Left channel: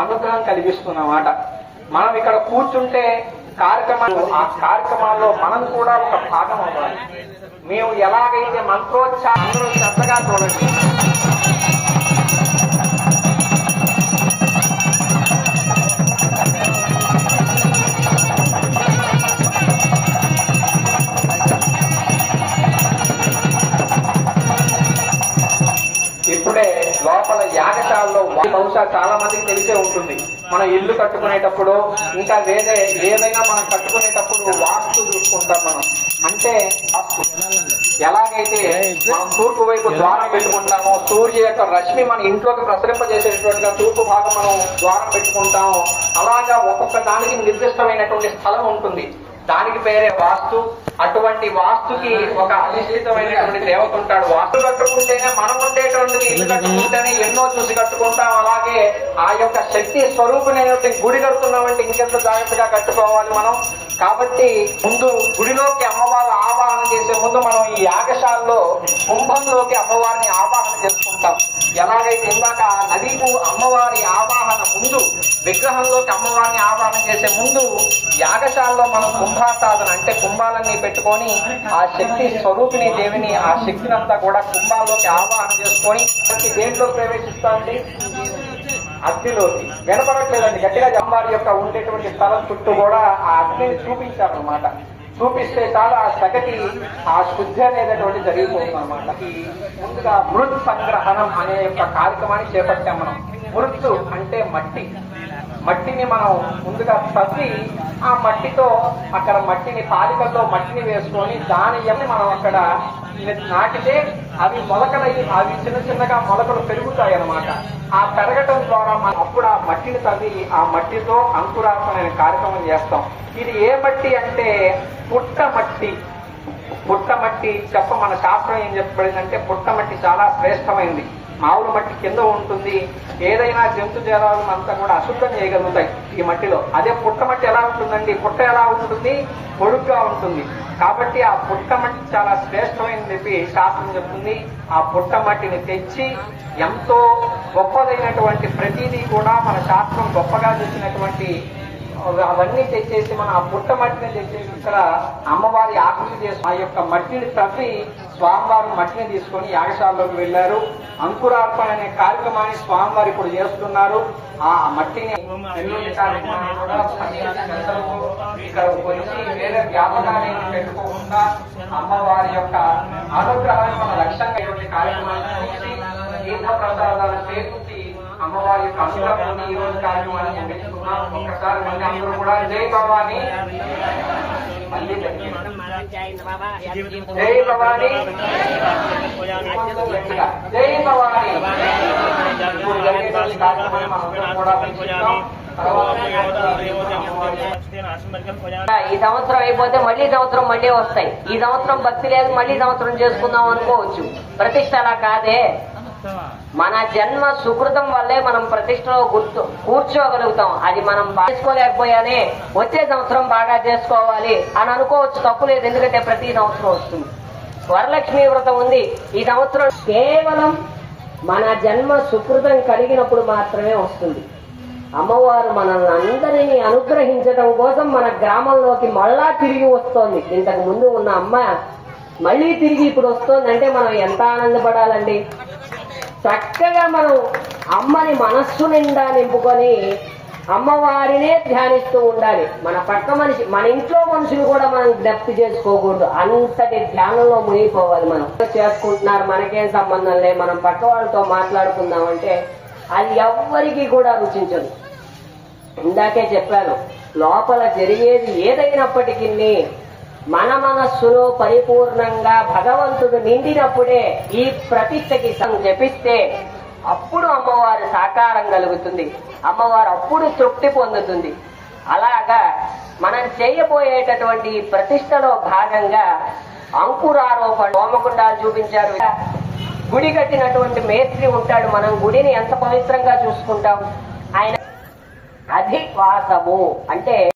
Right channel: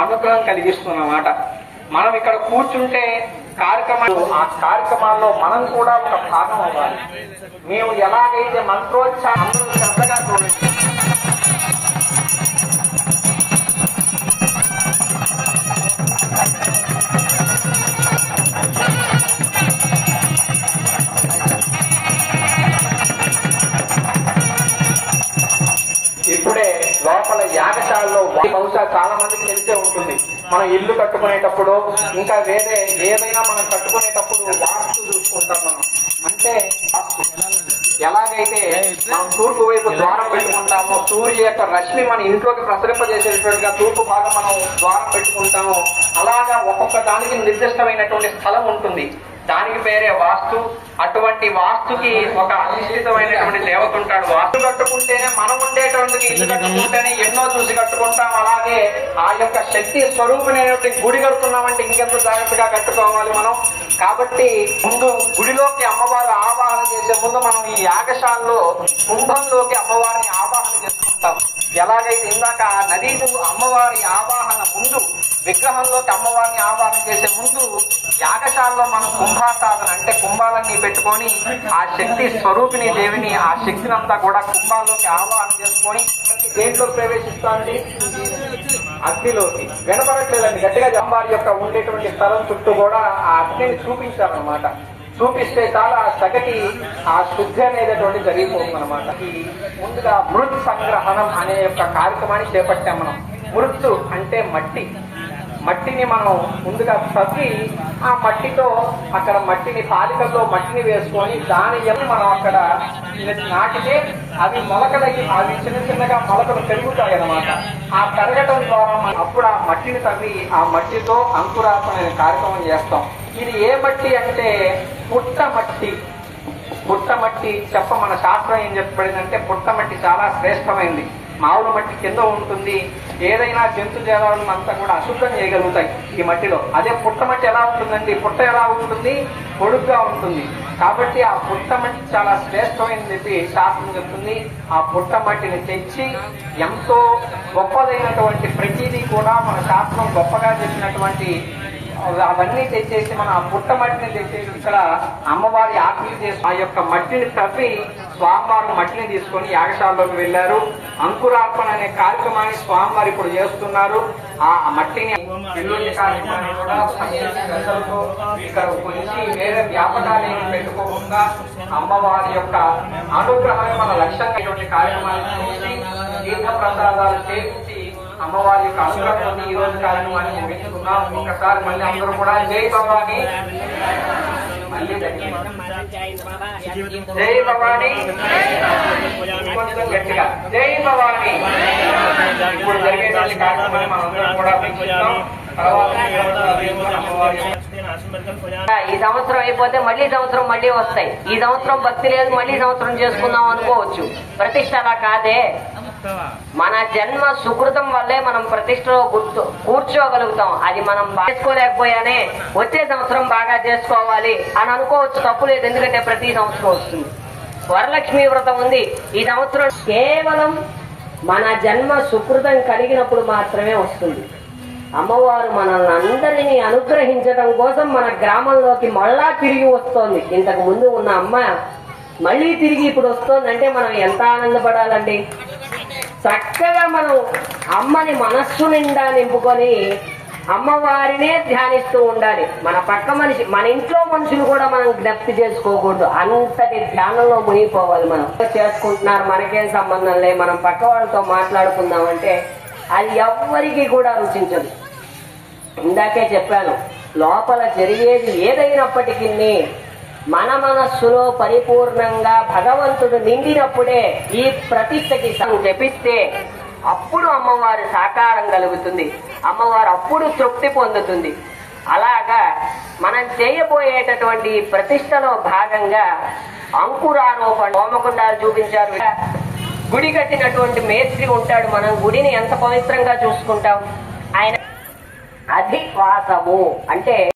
అనుగ్రహం కలిగిస్తున్నమాట. మనం ఇక్కడ కూర్చుంటే కార్యక్రమాల్లో మనం కూడా ఒక భాగం అవ్వాలి. మేము ఎలాగైతే మంత్రోచ్చారణలో శ్రద్ధగా చూడండి. ఇప్పుడే లోపల యాగశాలలో బహుశా చాలా మందికి తెలిసే ఉంటుంది. మనం ఇల్లు కట్టుకునేటప్పుడు ఇంకా ఏదైనా మనం కట్టుకునేటప్పుడు వాస్తు చూసుకుంటాం. మనం అంటే ఎలాగైతే మనం తూర్పు వైపు ద్వారం పెట్టుకుంటామో, సూర్యుడు యొక్క రశ్మి మన ఇంట్లోకి ప్రసరింపజేసేటట్టుగా తూర్పు భాగం మనం ద్వారం పెట్టుకుంటామో, అలాగా ఒక్కొక్క దానికి నిర్దిష్టమైనటువంటి స్థలం ఉంటుంది. దానికి పేరే వాస్తు. అటువంటి వాస్తుకి ఒక అధిష్ఠితమైనటువంటి దేవత ఉంటాడు. వాస్తు కట్టుకుంటేనే మనం ఉండేటువంటి ఇల్లు కట్టుకుంటేనే ఎన్నో చూసి కట్టుకుంటాం. అలాగే ఆ యొక్క శక్తి స్వరూపమైనటువంటి గుడి కడుతున్నామంటే ఇంకెంత జాగ్రత్తగా కట్టుకోవాలి మనం. కాబట్టి ముందు గుడిలోకి అమ్మవారు ఆవాహన చేసే ముందు మనం ఈ యాగశాలలో కుంభంలోకి అమ్మవారిని ఆవాహన చేసుకుంటాం. ఎలాగైతే ఇందాక నదీకు అమ్మవారి ఆవాహన ముందు, విగ్రహంలోకి అమ్మవారిని ఆవాహన చేసే ముందు యాగశాలలో మనం కుంభాసాధన అంటే కుంభాలన్నీ పెట్టుకొని ఆ శక్తి స్వరూపిణి దేవిని, ఆ శక్తిని అంతా కూడా కుంభాల్లోకి ఆవాహన చేసుకొని దేంట్లో ప్రవేశిస్తాండి, అగ్నిలోకి. వినపడట్లేదండి గట్టిగా. అమ్మవారి యొక్క ఉండేటువంటి స్థలం చుట్టూ కూడా ఆ అగ్నిని చూపించారనమాట. చూపిస్తే చాలా సగటి ఆ శుద్ధి అనేటటువంటి జరిగిపోతుంది అనమాట. ముందుగా మృత్ సంగ్రహణం అనే యొక్క కార్యక్రమాన్ని చేపట్టాం మనం. మృత్తు అంటే మట్టి. మట్టిని మనం ముందుగా తవ్వి ఆ మట్టితో అక్కడ మట్టిని పాలికల్లో మట్టిని వేసుకొని దాని మనం అక్కడ నాటితే అవి మొలకలయ్యి అవి చిన్న చిన్నగా మొలకలు పెరుగుతాయి అన్నమాట. ఆ పెరగటం ద్వారా మనం అప్పుడు ఆ మట్టిని తవ్వి ఆ మట్టితో అంకురార్పణ కార్యక్రమం చేస్తాం. ఇది ఏ మట్టి అంటే పుట్టమట్టి. పుట్టమట్టి మన శాస్త్రం ఏం చెప్పబడిందంటే పుట్టమట్టి చాలా శ్రేష్టమైంది. మామూలు మట్టి కింద ఉంటుంది. ఏదైనా జంతు జరాలను అంతా కూడా అశుద్ధం చేయగలుగుతాయి ఈ మట్టిలో. అదే పుట్టమట్టి ఎలా ఉంటుందండి? పుట్ట ఎలా ఉంటుంది? పొడుగ్గా ఉంటుంది. కాబట్టి ఆ పుట్టమట్టి చాలా శ్రేష్టమైనది చెప్పి శాస్త్రం చెప్తుంది. ఆ పుట్టమట్టిని తెచ్చి ఎంతో గొప్పదైనటువంటి ప్రతిదీ కూడా మన శాస్త్రం గొప్పగా చెప్పినటువంటి అవన్నీ తెచ్చేసి మన పుట్టమట్టిని తెచ్చేసి ఇక్కడ అమ్మవారి ఆకలి చేసి ఆ యొక్క మట్టిని తవ్వి స్వామివారు మట్టిని తీసుకొని యాగశాలలోకి వెళ్లారు. అంకురార్పణ అనే కార్యక్రమాన్ని స్వామివారు ఇప్పుడు చేస్తున్నారు. ఆ మట్టిని కార్యక్రమాన్ని కూడా ఇక్కడ గురించి వేరే వ్యాపకాన్ని పెట్టుకోకుండా అమ్మవారి యొక్క అనుగ్రహాన్ని మన లక్ష్యంగా కార్యక్రమాన్ని చేసి తీర్థ ప్రసాదాలు చేకూర్చి అమ్మవారి యొక్క అనుగ్రహం ఈ రోజు కార్యక్రమాన్ని ముగించుకున్నాం. ఒకసారి మళ్ళీ అందరూ కూడా జై భవాని, మళ్ళీ జై భవాని, కొంచెం గట్టిగా జై భవాని. ఇప్పుడు జరిగేటువంటి కార్యక్రమాన్ని మనందరం కూడా వీక్షిస్తాం. ఈ సంవత్సరం అయిపోతే మళ్ళీ సంవత్సరం మళ్ళీ వస్తాయి. ఈ సంవత్సరం భక్తి లేదు, మళ్ళీ సంవత్సరం చేసుకుందాం అనుకోవచ్చు. ప్రతిష్ట అలా కాదే. మన జన్మ సుకృతం వల్లే మనం ప్రతిష్టలో కూర్చోగలుగుతాం. అది మనం చేసుకోలేకపోయానే వచ్చే సంవత్సరం బాగా చేసుకోవాలి అని అనుకోవచ్చు. తప్పు లేదు. ఎందుకంటే ప్రతి సంవత్సరం వస్తుంది. వరలక్ష్మి వ్రతం ఉంది ఈ సంవత్సరం. కేవలం మన జన్మ సుకృతం కలిగినప్పుడు మాత్రమే వస్తుంది. అమ్మవారు మనల్ని అందరినీ అనుగ్రహించడం కోసం మన గ్రామంలోకి మళ్ళా తిరిగి వస్తోంది. ఇంతకు ముందు ఉన్న అమ్మ మళ్ళీ తిరిగి ఇప్పుడు వస్తోందంటే మనం ఎంత ఆనందపడాలండి. చక్కగా మనం అమ్మని మనస్సు నిండా నింపుకొని అమ్మవారినే ధ్యానిస్తూ ఉండాలి. మన పక్క మనిషి, మన ఇంట్లో మనుషులు కూడా మనం జ్ఞప్తి చేసుకోకూడదు. అంతటి ధ్యానంలో మునిగిపోవాలి. మనం చేసుకుంటున్నారు, మనకేం సంబంధం లే, మనం పక్క వాళ్ళతో మాట్లాడుకుందామంటే అది ఎవ్వరికీ కూడా రుచించదు. ఇందాకే చెప్పాను, లోపల జరిగేది ఏదైనప్పటికీ మన మనస్సులో పరిపూర్ణంగా భగవంతుడు నిండినప్పుడే ఈ ప్రతిష్టకి జపిస్తే అప్పుడు అమ్మవారి సాకారం కలుగుతుంది. అమ్మవారు అప్పుడు తృప్తి పొందుతుంది. అలాగా మనం చేయబోయేటటువంటి ప్రతిష్టలో భాగంగా అంకురారోపణ హోమకుండాలు చూపించారు. గుడి కట్టినటువంటి మేస్త్రి ఉంటాడు. మనం గుడిని ఎంత పవిత్రంగా చూసుకుంటాం. ఆయన అధివాసము అంటే